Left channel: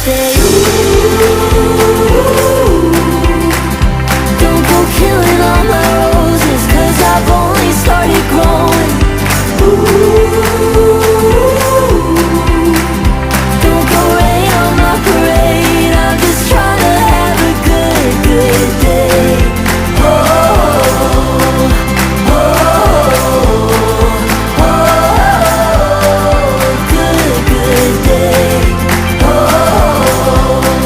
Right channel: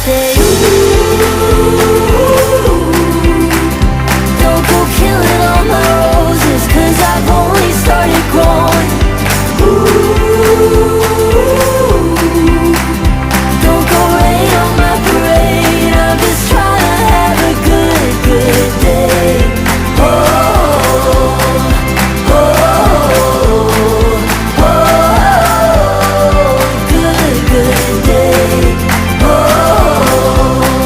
say, ooh, don't go killing all my roses, 'cause I've only started growing. Ooh.